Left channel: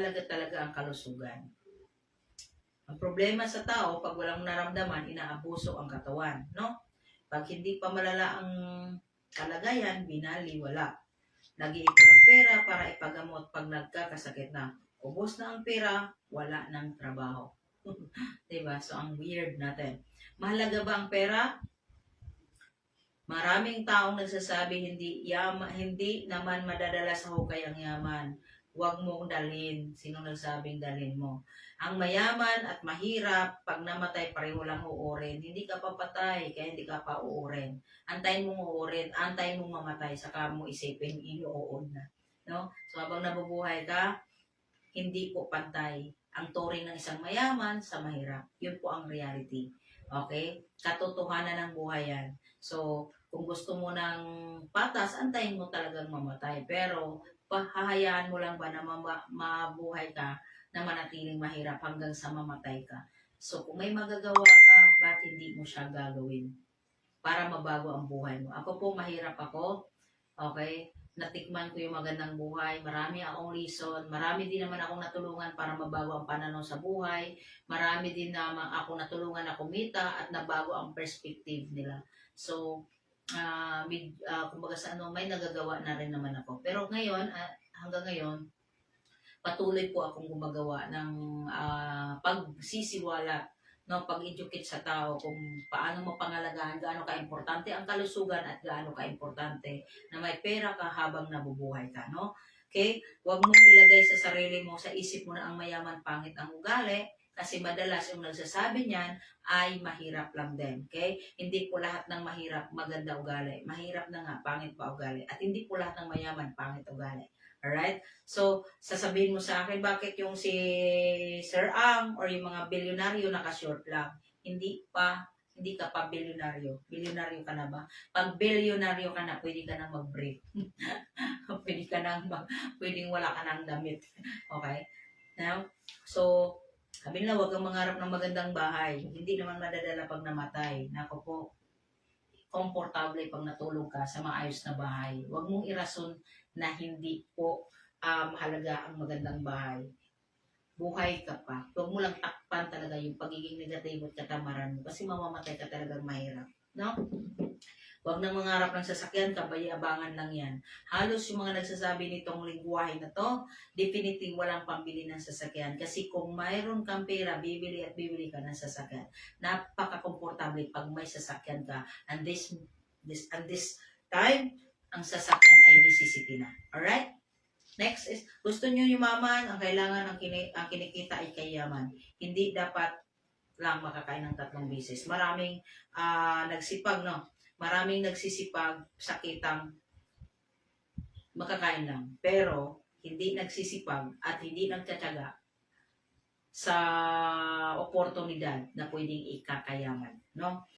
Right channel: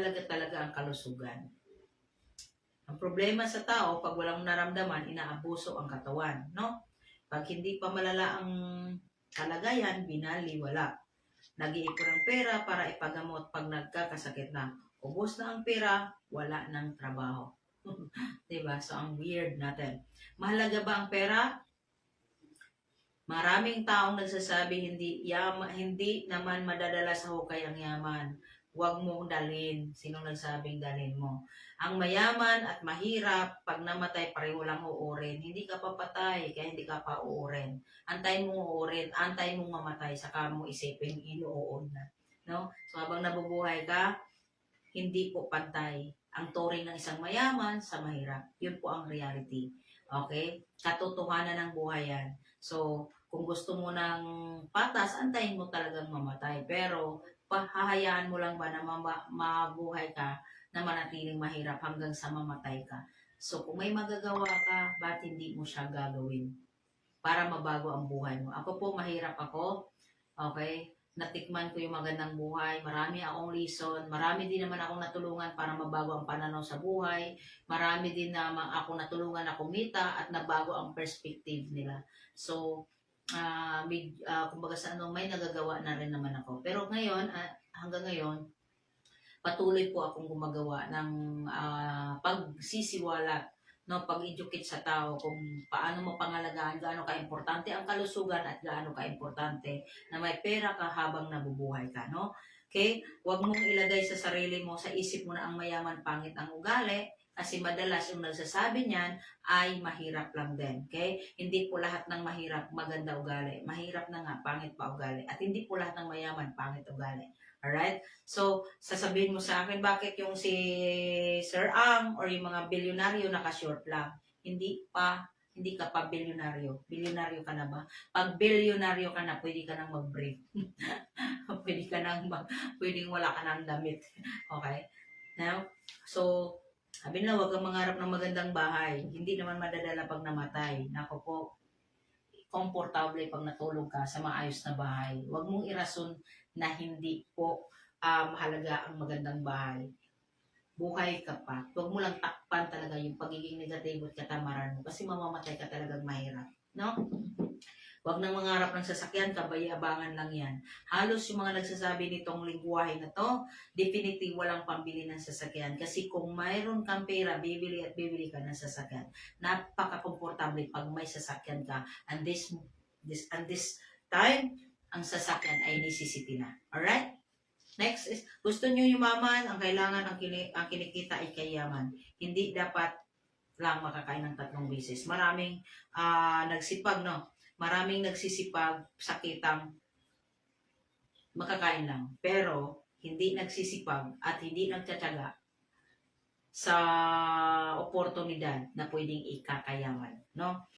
mahalaga talaga ang kalusugan. Ang problema sa tao, pag walang naramdaman, inaabuso ang katawan, no? Pag hindi pa malala ang kalagayan, binaliwala. Nag-iipon ng pera para ipagamot pag nagkakasakit na. Ubos na ang pera, wala ng trabaho. Diba? So, ang weird natin. Mahalaga ba ang pera? Maraming taong nagsasabi hindi naman madadala sa hukay ang yaman. Huwag mong dalhin. Sino nagsabing dalhin mo? Ang mayaman at mahirap, pag namatay pareho lang uurin. Hindi ka papatay, kaya hindi ka pa uurin. Antayin mong uurin, antayin mong mamatay, saka mo isipin inuun na. No? So habang nabubuhay ka, hindi po pantay ang turing ng isang mayaman sa mahirap. Yun po ang reality. Okay? Katotohanan ng buhay yan. So, kung gusto mo ng patas, antayin mo talagang mamatay. Pero, hahayaan mo lang ba na mabuhay ka na manatiling mahirap hanggang sa mamatay ka? So, kung may magagawa ka, ba't hindi mo siya gagawin? Para mabago ang buhay mo. Ako po, mahirap ako. Okay? Natikman ko yung magandang buhay. Marami akong reason. Marami din naman akong natulungan para mabago ang pananaw sa buhay. Marami din naman akong natulungan na kumita at nabago ang perspective nila. So, kumbaga sa may nagagawa na rin naman ako. Pero ngayon, hanggang ngayon, patuloy po akong gumagawa ng pagsisiwalat, no, pag-educate sa tao kung paano mo pangalagaan, gaano ka-importante ang kalusugan at gaano ka-importante na may pera ka habang nabubuhay ka, no? Okay? Huwag mong ilagay sa sarili mo, sa isip mo na ang mayaman pangit ang ugali, kasi madalas yung nagsasabi niyan ay mahirap lang din. Okay? Hindi po lahat ng mahirap maganda ugali. Mahirap na nga, pangit pa ugali. At hindi po lahat ng mayaman pangit ugali. Alright? So, sasabihin mo sa akin, bakit yung si Sir Ang or yung mga bilyonaryo nakashort lang? Hindi ka pa bilyonaryo. Bilyonaryo ka na ba? Pag bilyonaryo ka na, pwede ka nang mag-break. Pwedeng wala ka nang damit. Okay? Now, so, sabi nila, huwag kang mangarap ng magandang bahay. Hindi naman madadala pag namatay. Nako po, komportable pag natulog ka sa maayos na bahay. Huwag mong irason na hindi po mahalaga ang magandang bahay. Buhay ka pa. Huwag mo lang takpan talaga yung pagiging negatibo at katamaran mo kasi mamamatay ka talagang mahirap. No? Huwag nang mangarap ng sasakyan, kabay-abangan lang yan. Halos yung mga nagsasabi nitong lingwahe na to, definitely walang pambili ng sasakyan. Kasi kung mayroon kang pera, bibili at bibili ka ng sasakyan. Napaka-komportable pag may sasakyan ka. And this time, ang sasakyan ay necessity na. Alright? Next is, gusto nyo yumaman, ang kailangan, ang kinikita ay kayaman. Hindi dapat lang makakain ng 3 beses. Maraming nagsipag, no? Maraming nagsisipag, sakitang makakain lang. Pero, hindi nagsisipag at hindi nagtsatsaga sa oportunidad na pwedeng ikakayaman. No?